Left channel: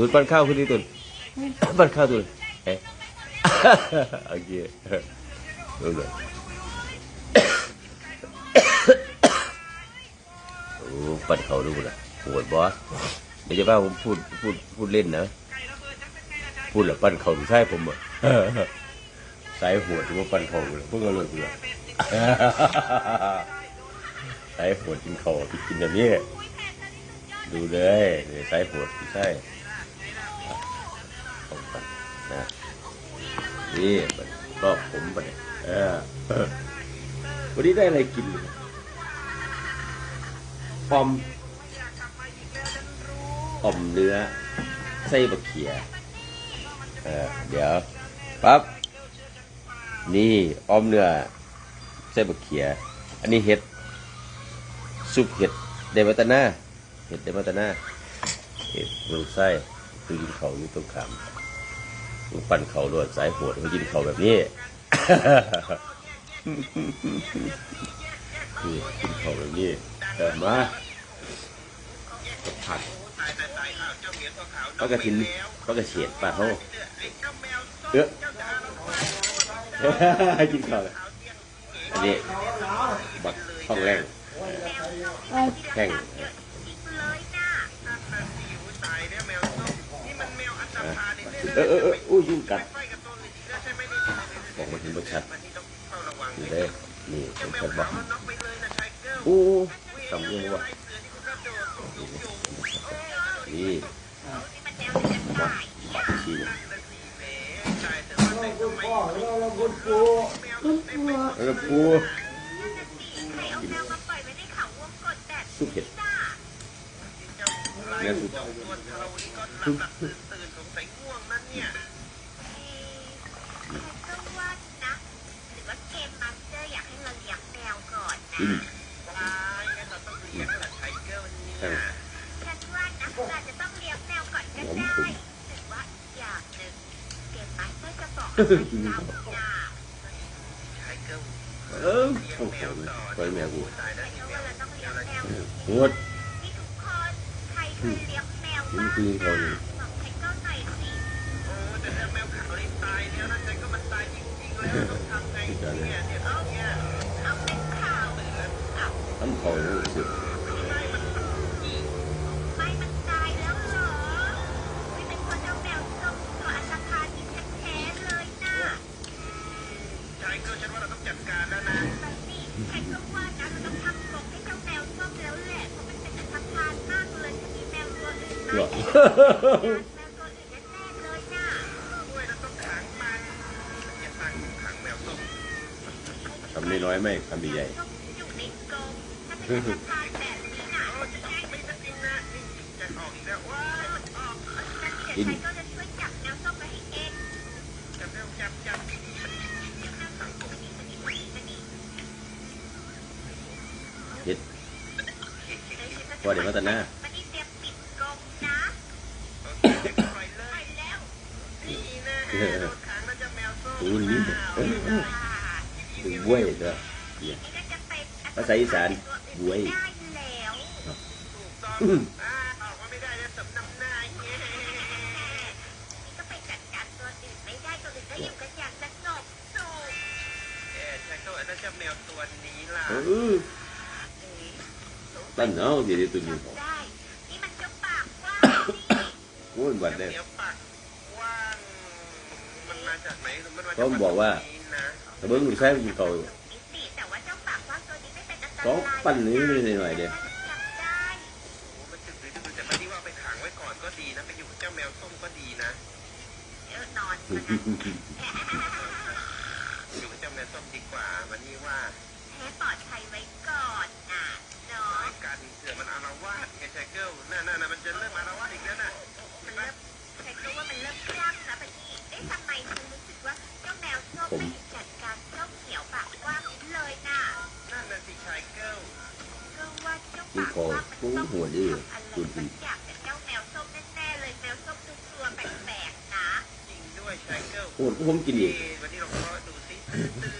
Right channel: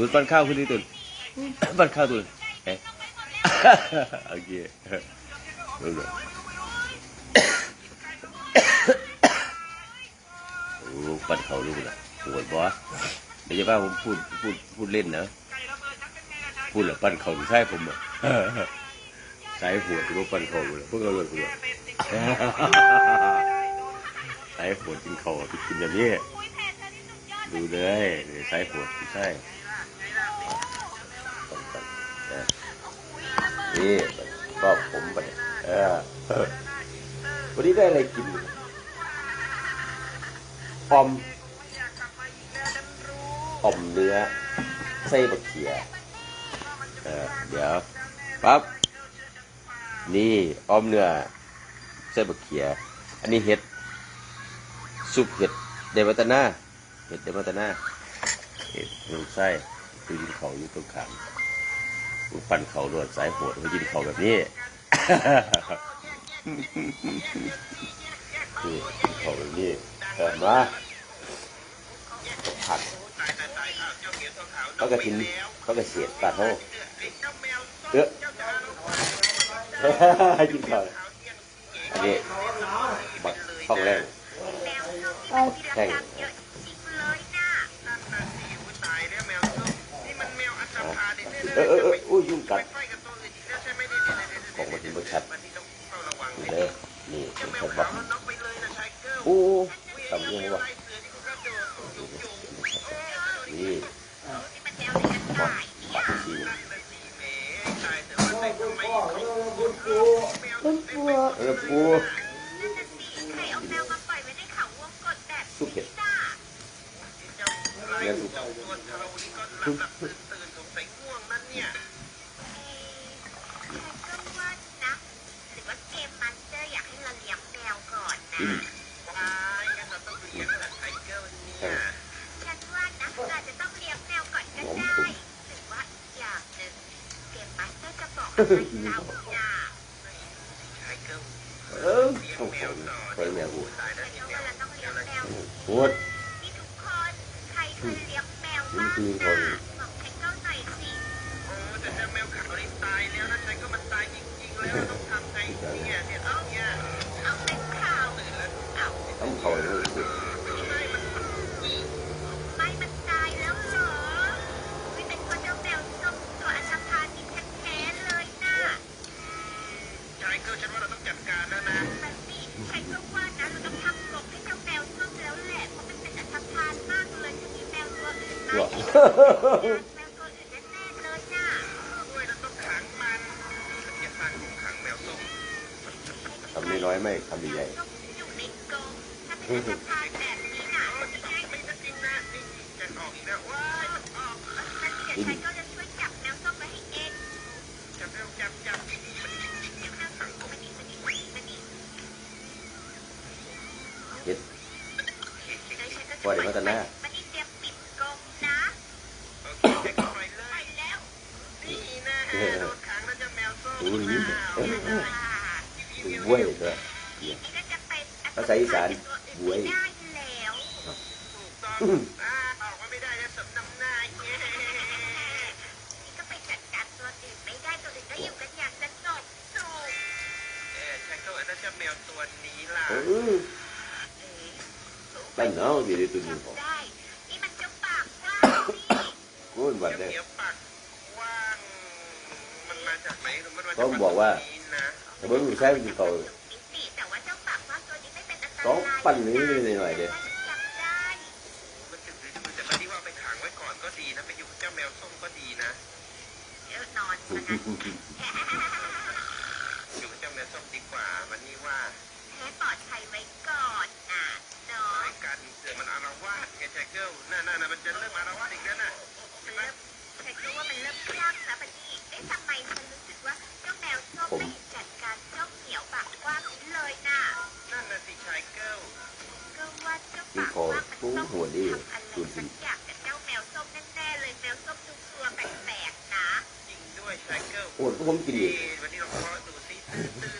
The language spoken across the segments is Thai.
ตูดปั้นข้าวคุณดิตูดปั้นข้าวตูดเอ๊ะโอเคโอ้ปั้นเขาด้วยมึงอะปวดบอสไม่ใช่ว่าผมพูดพูดพูดเล่นนะพูดแล้วปั้นเขาใช่ผมอะสายหัวที่ว่าปั้นเขาพูดแล้วมันสายหัวจริงเขาจริงแบบนี้เลยดูเลยนี่สายหัวใช่ นี่ชอบผมไปเออวันนี้ได้อะไรกินออมออมเนื้อไส้บะเขียเออเดี๋ยวปั๊บนี่อ้อมเนื้อเส้บะเขียอันนี้เห็ดซุปเห็ดเดวัตนาเห็ดเดวัตนาเห็ดลงไส้คือกินเขาอยู่ตรงขาม ปั่นเขาโดนสายโหดมันกินเขาแบบนี้คือเขาแบบนี้แต่มาผัดเขาก็กินเขาก็เสียดปลาเขาเยอะกินเขาเลยนี่บักเข้าไปเลยแข่งเออเออเออ ยยุ่งกัดออกมาเห็นบักชัดนี่เลยนี่เป็นบักโอ้ทำมัวนี่ชีเนี่ยเออปูสุกเห็ดเนื้อสุก เเขาบอกว่าแต่เมื่อมึงใช้กินเขาหนุกนิดสิแต่ว่าเจ้าปากว่าตัวนี้ไม่เป็นอันตรายเขาปั้นนี้หน่อยๆเนี่ยจำได้เออนอนซะงั้นแพ้ปลอดภัยไว้ก่อนนะเนาะมันเริ่มฉัน รู้ว่ามันเริ่มคลั่งนะบัดนี้เอ๊ะทำไมฉันรู้สึกว่าเจ้าแมวส้มไม่เห็นจัดการเจ้าเหมียวปากกว้างนี้เลยน่ะก็ว่าเจ้าปากกว้างมันต้องทำอะไรสักอย่างกับเจ้าแมวส้มแน่ๆเลยแมวส้มดูกลัวแปลกๆนะพูดผมกินอีกวันนี้เราขอดูซิตื่น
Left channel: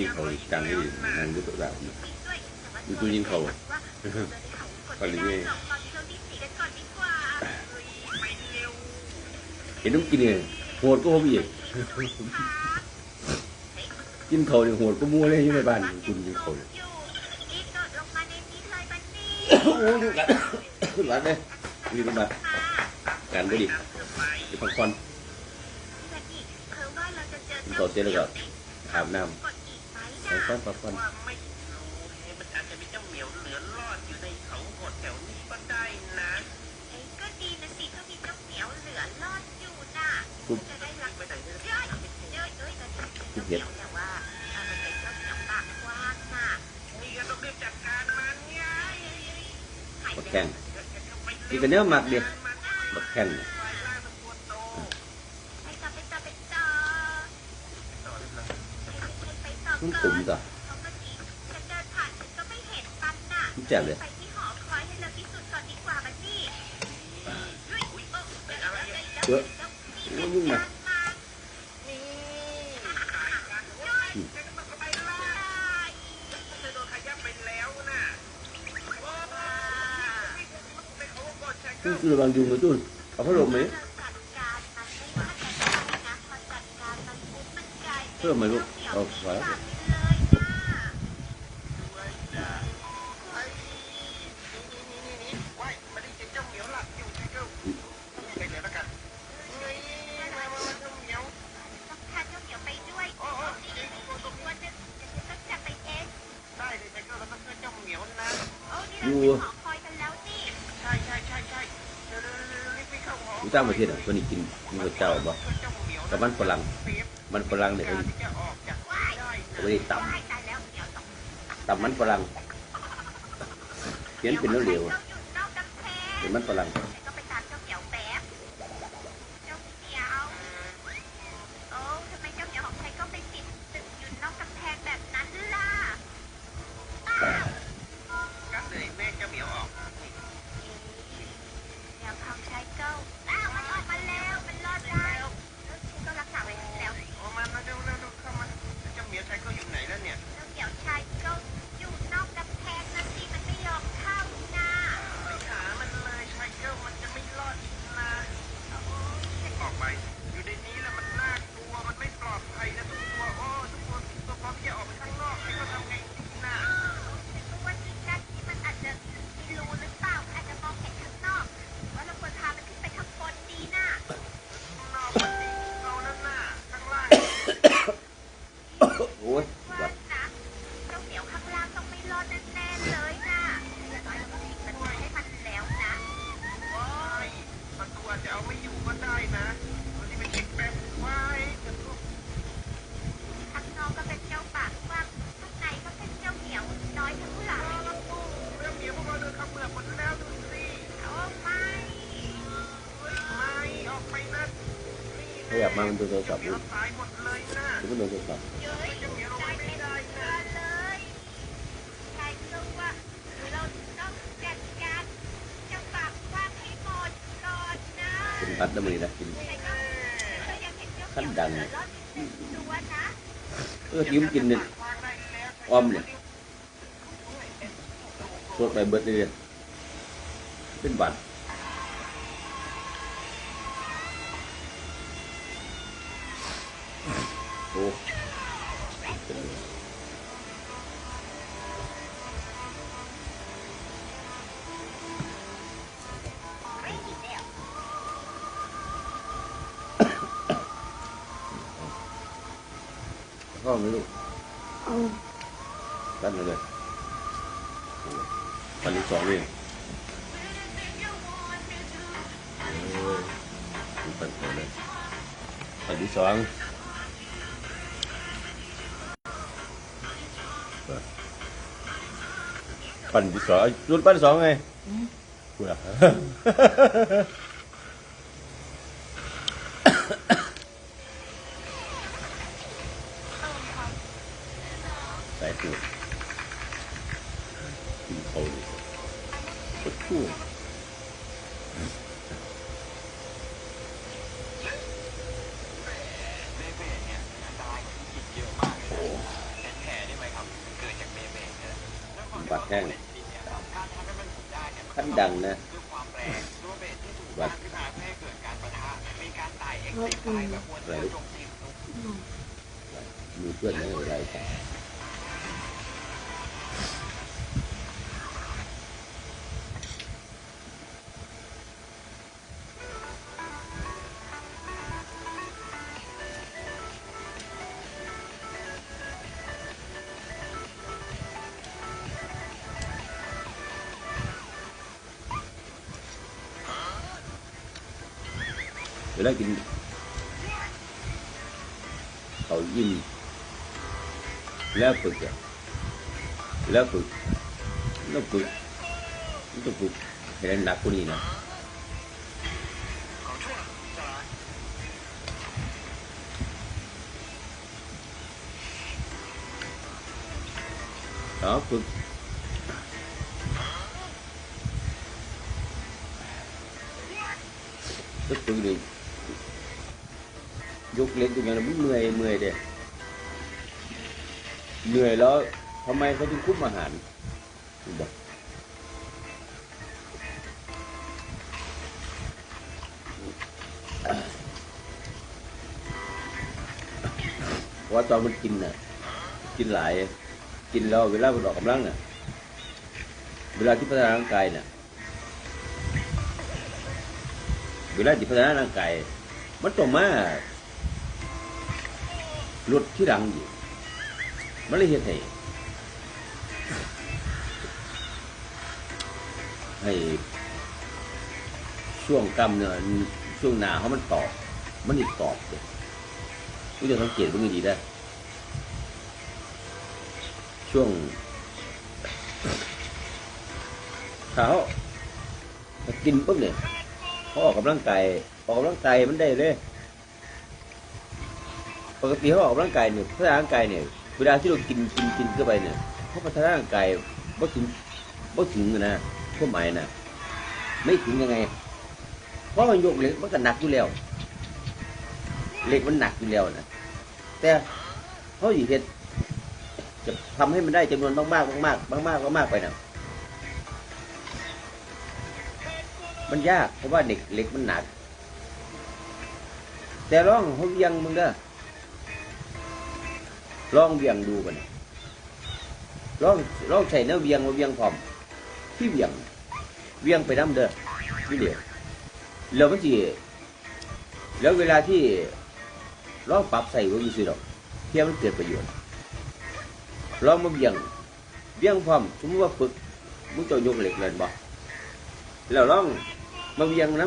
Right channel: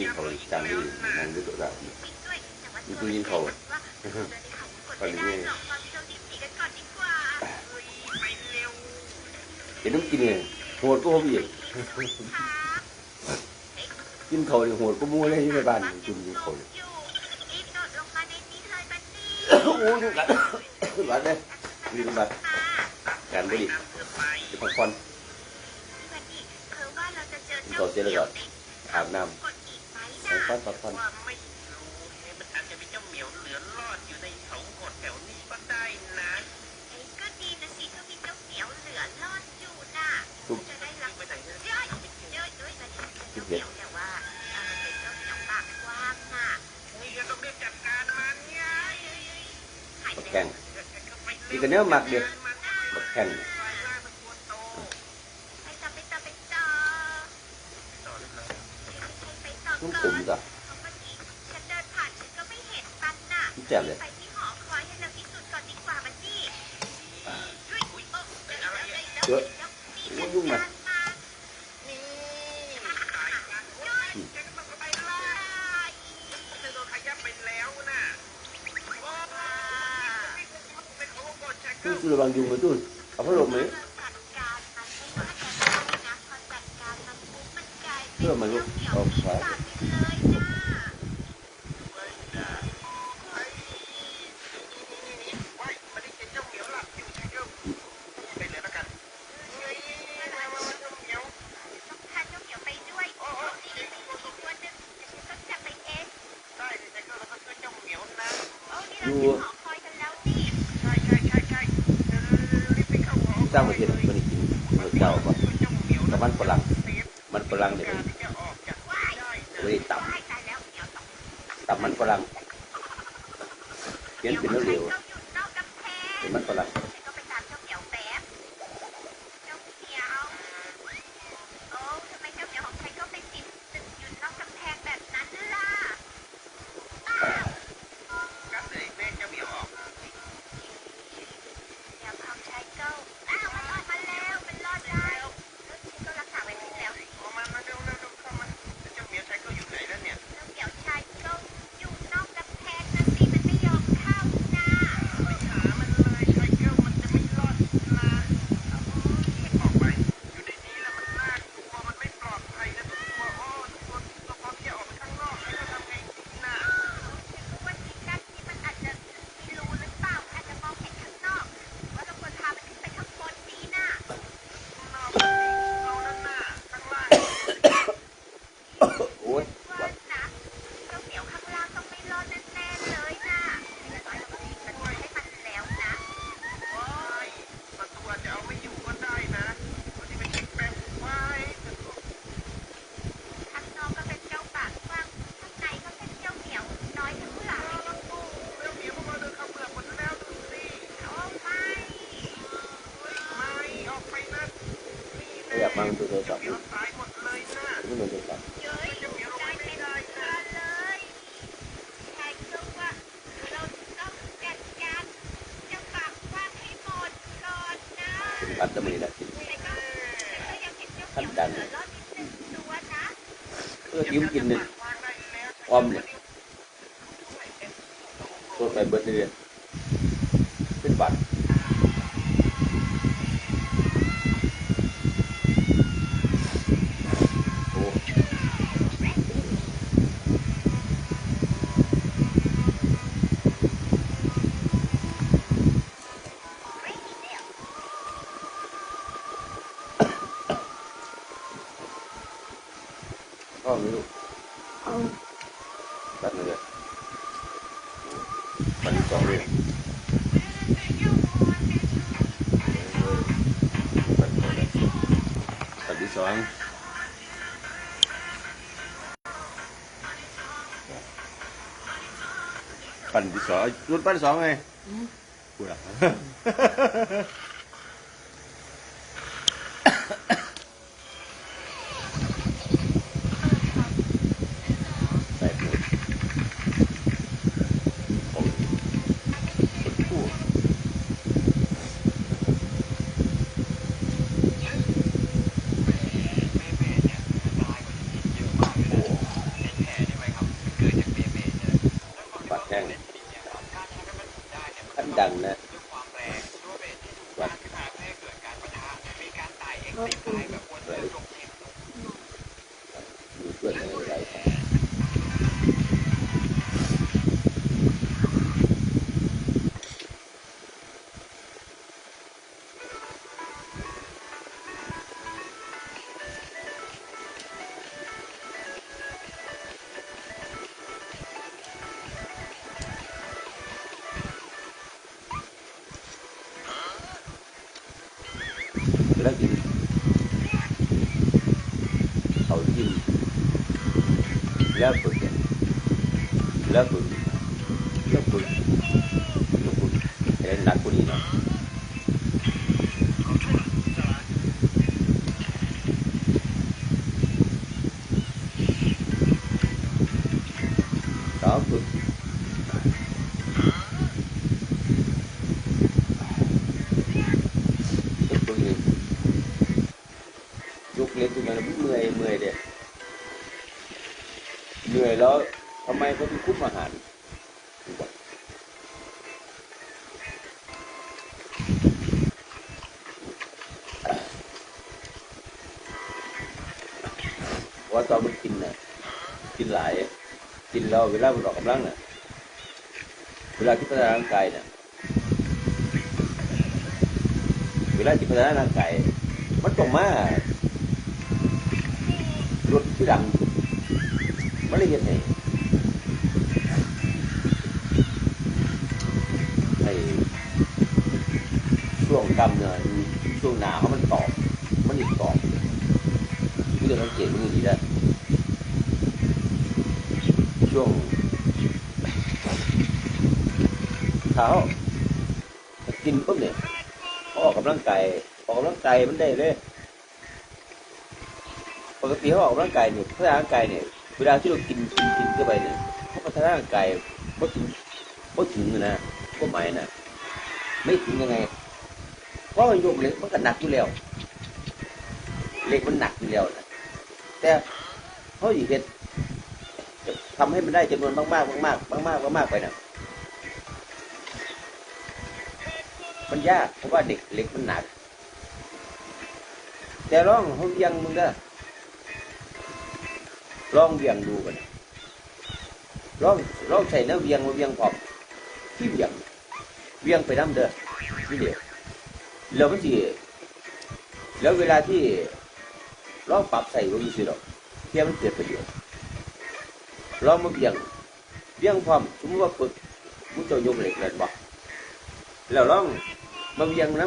ยิงเขาการที่มันรู้แบบมีผู้ยิงเขาวันนี้เห็นน้องกินเนี่ยโหดก็ผมอีกกินเขาเนี่ยโหดก็มั่วได้อยู่ในบ้านคุณยิงเขาโอ้โหดึกแล้วมาเลยรีบการบุหรี่จะพักผ่อนต่อเสร็จแล้วก็อาบน้ำักผ่อนว่าไม่รู้มันอาจจะมีเจ้าเหมียวเหลือรอดอยู่ในเขากดแถวนี้ก็ได้นะไอ้ก็ดีนะสิก็มีเจ้าเหมียวเหลือรอดอยู่น่ะมันจะได้รับไปไหนเยอะเยอะเยอะตอนนี้เเจ้าเหมียวแต่ว่ามันเป็นเจ้าเหมียวปากกว้างน่ะนี่ก็ต้องรีบจัดการมันไงหาแข่งนี่ก็เนื้อหมักเด็กหมักแข่ง ลูกผมจ้ะฉันเดินผ่านฉันก็ไม่เห็นปั๊บน่ะจ๋วเลย กันเพื่อทิ้งกินเนี่ยพร้อมเนี่ย ชุดปั้นสองไงกูละ แล้วฝึกแล้ กินหลาย กินเราเวลามันออกกำลังเนี่ยเวลาที่พัฒนาร่างกายน่ยเวลาที่พัฒนาร่างกายมันต้องมาลดที่หลังากินปุ๊บเนี่ยพอออกกำลังกายออกกำลังกายมันได้เลยปกติเขาออกกำลังกายเนี่ยพัฒนาร่างกายเนี่ยเวลาที่เรากินกินกินเข้าไปเนี่ยพัฒนาร่างกายก็ถึงก็ถึงนะพวกหมายนะไม่ถึงยังไงเพราะมันโยกเล็กมันก็หนักอยู่แล้วเล็กมันหนักอยู่แล้วนะแต่เขาอยู่เฮ็ดจะทำให้มันได้จำนวนมากๆมากๆมากมากไปนะ มันยากเพราะว่าเด็กเล็กมันหนัก แต่ร้องเขาเพียงมึงก็ลองเบียงดูมันลองลองใส่เนื้อเบียงมาเบียงพอมที่เบียงเบียงไปน้ำเดือดที่เดียวแล้วมันจีแล้วเวลาที่ลองปรับใส่ก็มีสิหรอกเที่ยมันเกิดประโยชน์ลองมาเบียงเบียงพร้อมสมมติว่าฝึกมุจะยกเหล็กเลยพร้อแล้วลอง มาเบียงน้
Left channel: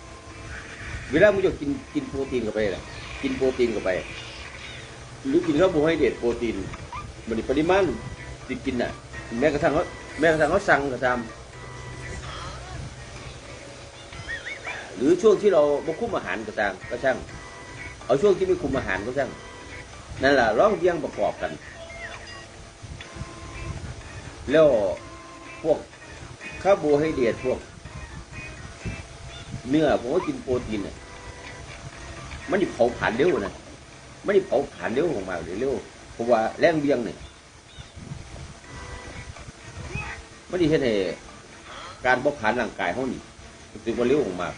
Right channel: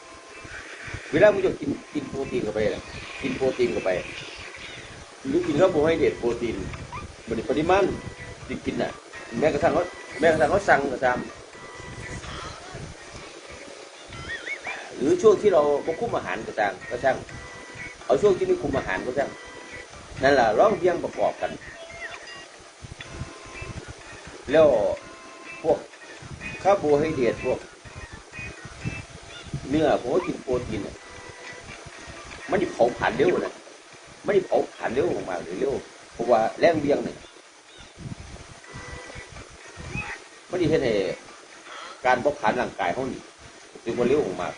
ำเวลามุจะกินกินโปรตีนเข้าไปอะกินโปรตีนเข้าไป หรือกินแล้วโบให้เด็ดโปรตีนมันปริมาณที่กินน่ะแม้กระทั่งเขาแม้กระทั่งเขาสั่งก็ตามหรือช่วงที่เราพคุมอาหารก็ตามก็ช่างเอาช่วงที่ไม่คุมอาหารก็ช่างนั่นแหละร้องเพียงประกอบกันแล้วพวกคาร์โบไฮเดรตพวก เนื้อโอ้กินโปรตีนมันจะเผาผ่านเร็วนะไม่เผาผ่านเร็วออกมาเร็วเพราะว่าแรงเบียงเนี่ยไม่ได้เห็นการเผาผ่านร่างกายเขานี่จึงมาเร็วออกมา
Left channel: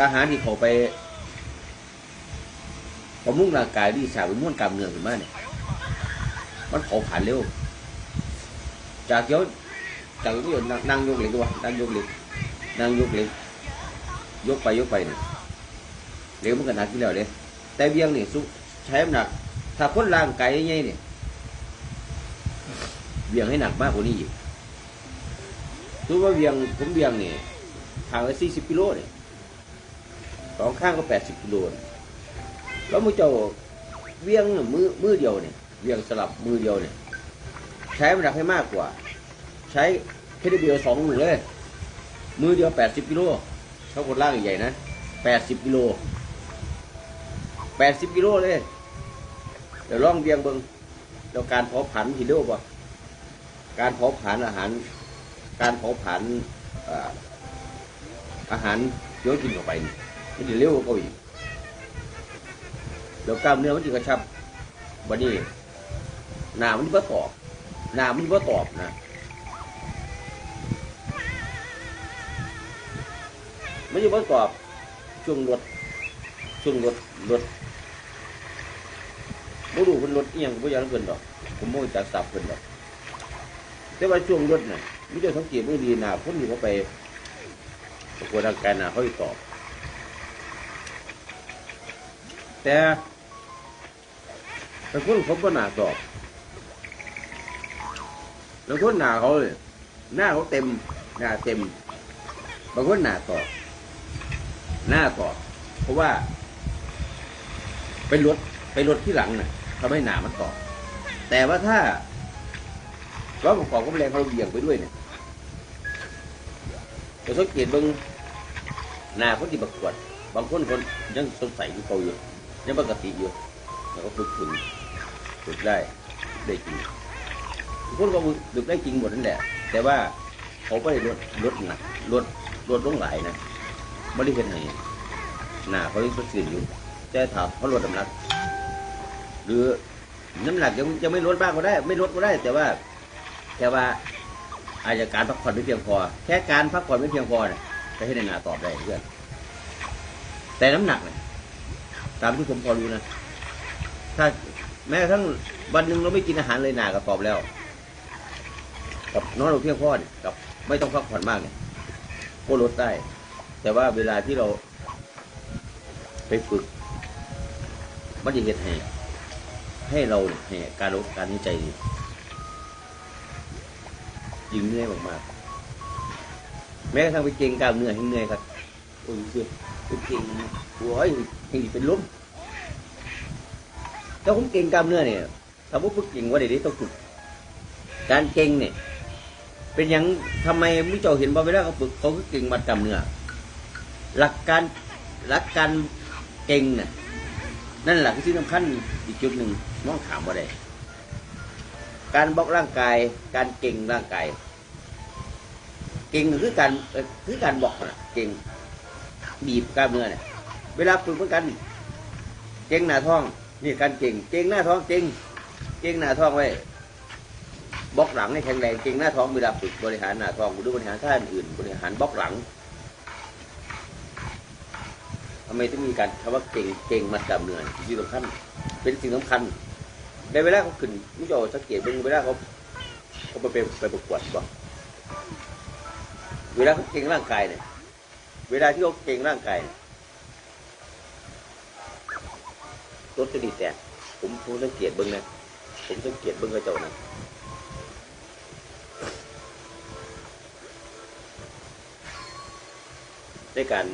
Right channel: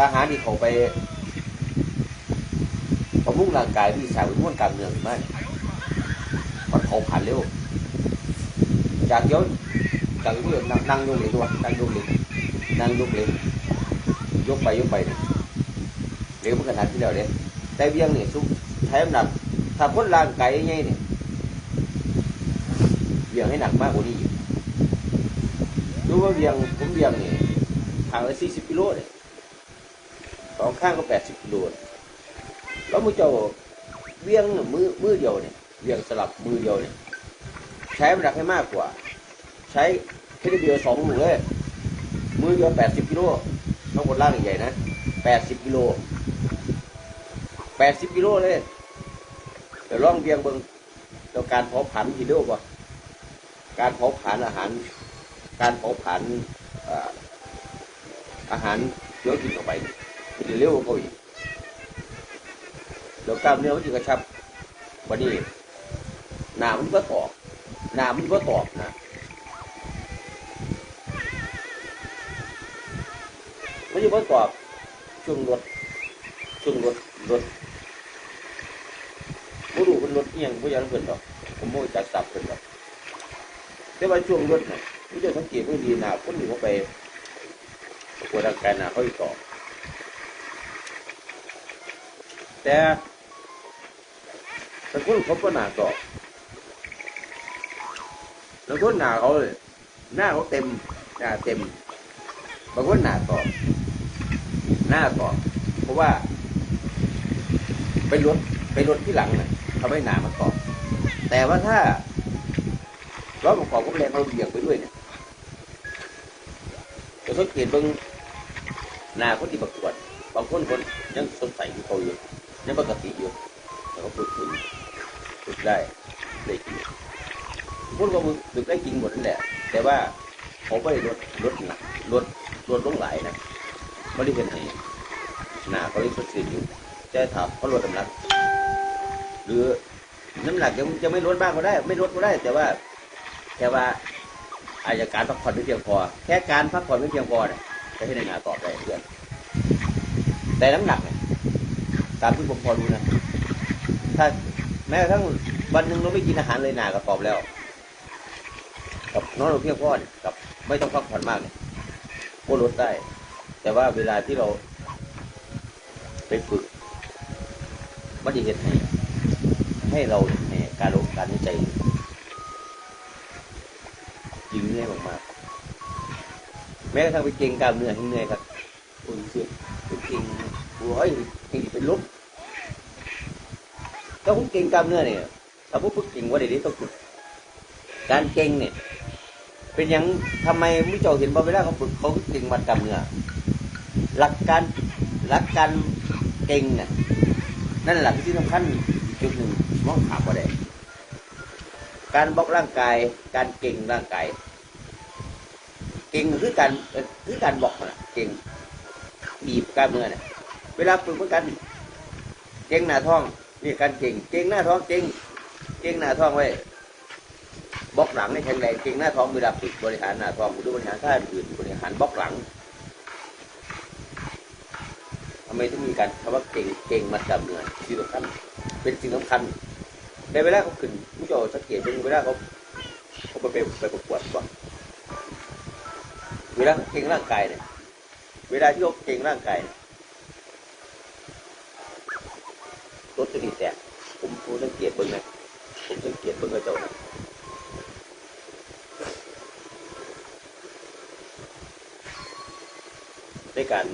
อาหารที่เขาไปบำรุงร่างกายที่สางเป็นม้นกลามเนื้อขึ้นมาเนี่ยมันเผาผ่านเร็วจากย ศจากยศนั่งนั่งยกเลยตัวนั่งยกเลยนั่งยกเลยยกไปยกไปเนี่ยเร็วมันกระทันเดียวเลยแต่เบี้ยงนี่ซุใช้น้ำหนักถ้าพ้นร่างกายยังไงเนี่ยเบี้ยงให้หนักมากกว่านี้อีกรู้ว่าเบี้ยงผมเบี้ยงนี่ห่างละสี่สิบกิโลเลยสองข้างก็แปดสิบกิโลเลยแล้วมันจะเบี้ยงน่ะมือมือเดียวนี่เบี้ยงสลับมือเดียวนี่ใช้น้ำหนักให้มากกว่า ใช้ แค่นิดเดียวสองมือเลยมือเดียวแปดสิบกิโลต้องบนล่างใหญ่นะแปดสิบกิโลแปดสิบกิโลเลยเดี๋ยวลองเบียงเบิ้งแล้วการเผาผลาญทีเร็วกว่าการเผาผลาญอาหาร การเผาผลาญอาหารเยอะกินออกไปมันเร็วกว่าอีกแล้วกล้ามเนื้อมันจะกระชับว่านี้หนามันที่ว่ากรอบหนามันที่ว่ากรอบนะ ไม่ใช่ว่ากรอบช่วงรถช่วงรถรถผู้ดูเป็นรถเอียงผู้ยังเป็นหรอกผมโม่จะสับเป็นหรอกแต่ว่าช่วงรถเนี่ยมันจะสังเกตว่าดีหนาคนนี้เขาไปเวลาการหนาเขาได้ตอบแต่แต่พวกเขาก็หนาตอบแล้วก็หนาเขาเลยหน้าเขาเต็มหน้าเต็มแล้วก็หนาต่อ หน้าต่อน เพราะว่าเป็นรถเป็นรถที่หลังนะทำให้หนามันต่อแต่ว่าถ้าเราขอก็ไม่ได้เราเหยียบไปด้วยเนี่ยจะสังเกตตรงหน้าคนที่ประกวดบางคนคนยังสงสัยเขาอยู่ยังปกติอยู่เดี๋ยวฝึกฝึกฝึกได้ในกินพวกเราดูได้จริงหมดแหละแต่ว่าผมก็เห็นรถรถหนักรถรถลงไหลนะไม่ได้เป็นเลย ขาเลยกดอยู่แต่ถามว่าลดน้ำหนักหรือน้ำหนักยังจะไม่ลดบ้างก็ได้ ไม่ลดก็ได้ แต่ว่าแต่ว่าอาจจะการพักผ่อนไม่เพียงพอแค่การพักผ่อนไม่เพียงพอเนี่ยไม่ใช่ได้หนาตอบได้เพื่อนแต่น้ำหนักตามที่ผมพอรู้นะถ้าแม้กระทั่งวันหนึ่งเราไม่กินอาหารเลยหนากระป๋องแล้วกับน้อนเราเพียงพอกับไม่ต้องพักผ่อนมากก็ลดได้ แต่ว่าเวลาที่เรา ไปฝึกมันจะเห็นให้ให้เราเนี่ยการลงการใจยิ่งเหนื่อยมากๆแม้กระทั่งไปเก่งกล้ามเนื้อยังเหนื่อยครับ คุณสิเก่งโอ้ยเก่งที่เป็นลมถ้าผมเก่งกล้ามเนื้อเนี่ยถ้าพวกคุณเก่งว่าเดี๋ยวนี้ต้องฝึกการเก่งเนี่ย เป็นย่างทำไมผู้เจ้าเห็นบ่เวลาเขาฝึกเขาเก่งมัดกำเนื้อหลักการหลักการ เก่งน่ะนั่นหลักที่สำคัญอีกจุดหนึ่งเขาถามว่าอะไรการบล็อกร่างกาย การเก่งร่างกาย เก่งคือการคือการบอกนะเก่งบีบกล้ามเนื้อเนี่ยเวลาฝึกเหมือนกัน เก่งหน้าท้องนี่การเก่ง เก่งหน้าท้องเก่งเก่งหน้าท้องไว้บล็อกหลังให้แข็งแรงเก่งหน้าท้องมือดับบริหารหน้าท้องหรือบริหารท่าอื่นบริหารบล็อกหลังทำ ไมถึงมีการคำว่าเก่งเก่งมัดจำเลยสิ่งสำคัญเป็นสิ่งสำคัญในเวลาขึ้นผู้โยสังเกตเป็นเวลาของผมไปเป็นไปประกวดก่อนเวลาเก่งร่างกายเนี่ยเวลาที่เขาเก่งร่างกายรถจะมีแต่ผมผมสังเกตเบิ้งนะเห็นสังเกตเบิ้งกระจกนะ ในการ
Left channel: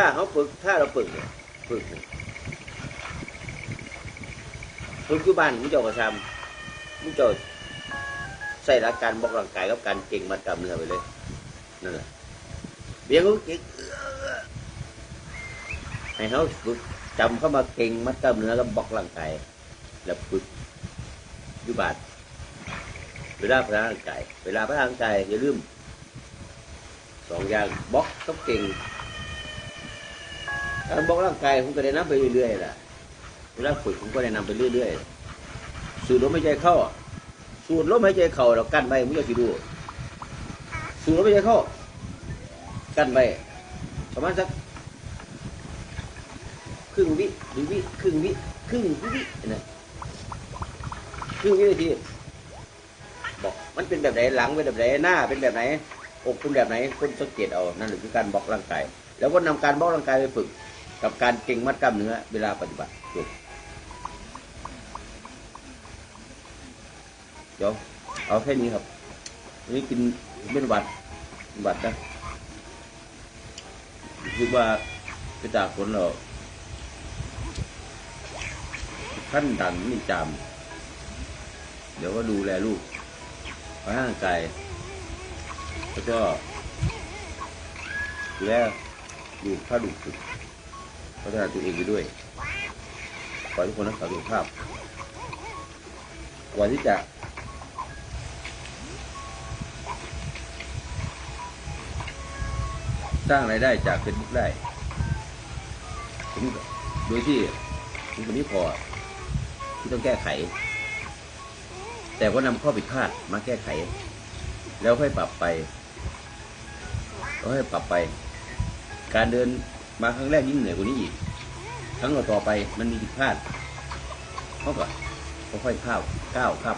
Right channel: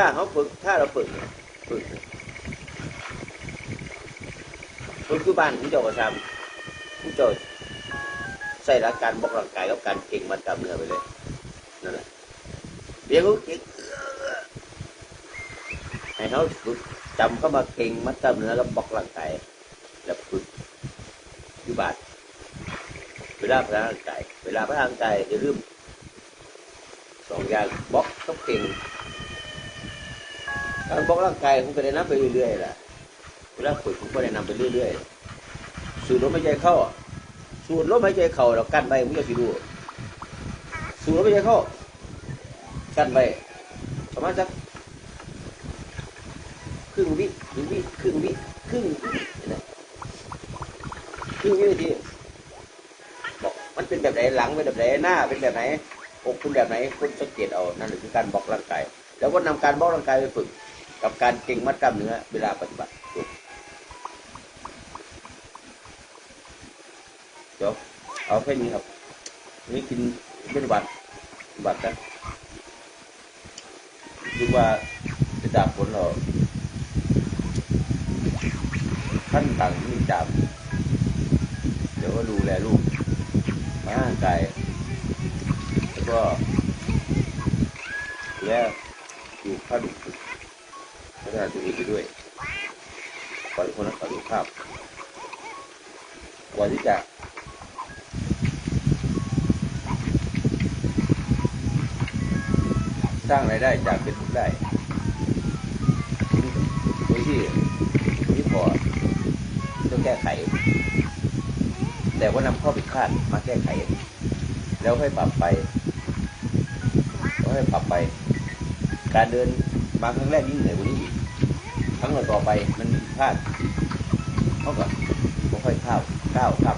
ถ้าเขา ฝึกถ้าเราฝึกฝึกฝึกที่บ้านที่เจ้าทำที่จ้าใส่หลักการบอกร่างกายกับการเก่งมัดกล้ามเนื้อไปเลยนั่นแหละเดี๋ยวเขาเก่งให้เขาฝึกจำเข้ามาเก่งมัดกล้ามเนื้อแล้วบอกร่างกายแล้วฝึกอยู่บ้านเวลาพัฒนาร่างกายเวลาพัฒนาร่างกายอย่าลืมสองอย่างบล็อกต้องเก่ง บอกร่างกายผมก็ได้น้ำไปเรื่อยๆล่ะเวลาฝึกผมก็ได้น้ำไปเรื่อยๆ สูดลมหายใจเข้า สูดลมหายใจเข้าเรากั้นไปผมจะคิดดู สูดลมหายใจเข้า กั้นไปประมาณสักครึ่งวิหนึ่งวิครึ่งวิครึ่งวินะครึ่งวินาทีมันเป็นแบบไหนหลังเป็นแบบไหนหน้าเป็นแบบไหนอกเป็นแบบไหนคุณสังเกตเอานั่นคือการบล็อกร่างกายแล้วก็นำการบล็อกร่างกายไปฝึก กับการเก่งมัดกล้ามเนื้อเวลาปฏิบัติเดี๋ยวเอาแค่นี้ครับนี่กินไมิตรบัตรมิบัตรนะดูว่าจะจากผลเราขั้นต่างที่จากเดี๋ยวก็ดูแลลูกร่างกายแล้วก็ดูแลอยู่ข้าง พัฒนาตัวเองไปด้วย ขอให้คนรักษาสุขภาพวันที่จะสร้างรายได้จากเฟซบุ๊กได้โดยที่ที่พอต้องแก้ไข แต่ว่านำข้อผิดพลาดมาแก้ไข แล้วให้ปรับไปแล้วให้ปรับไป การเดินมาครั้งแรกยิ่งเหนื่อยกว่านี้อีก ครั้งต่อไปมันมีผิดพลาดเขาก็ค่อยๆก้าวก้าวข้า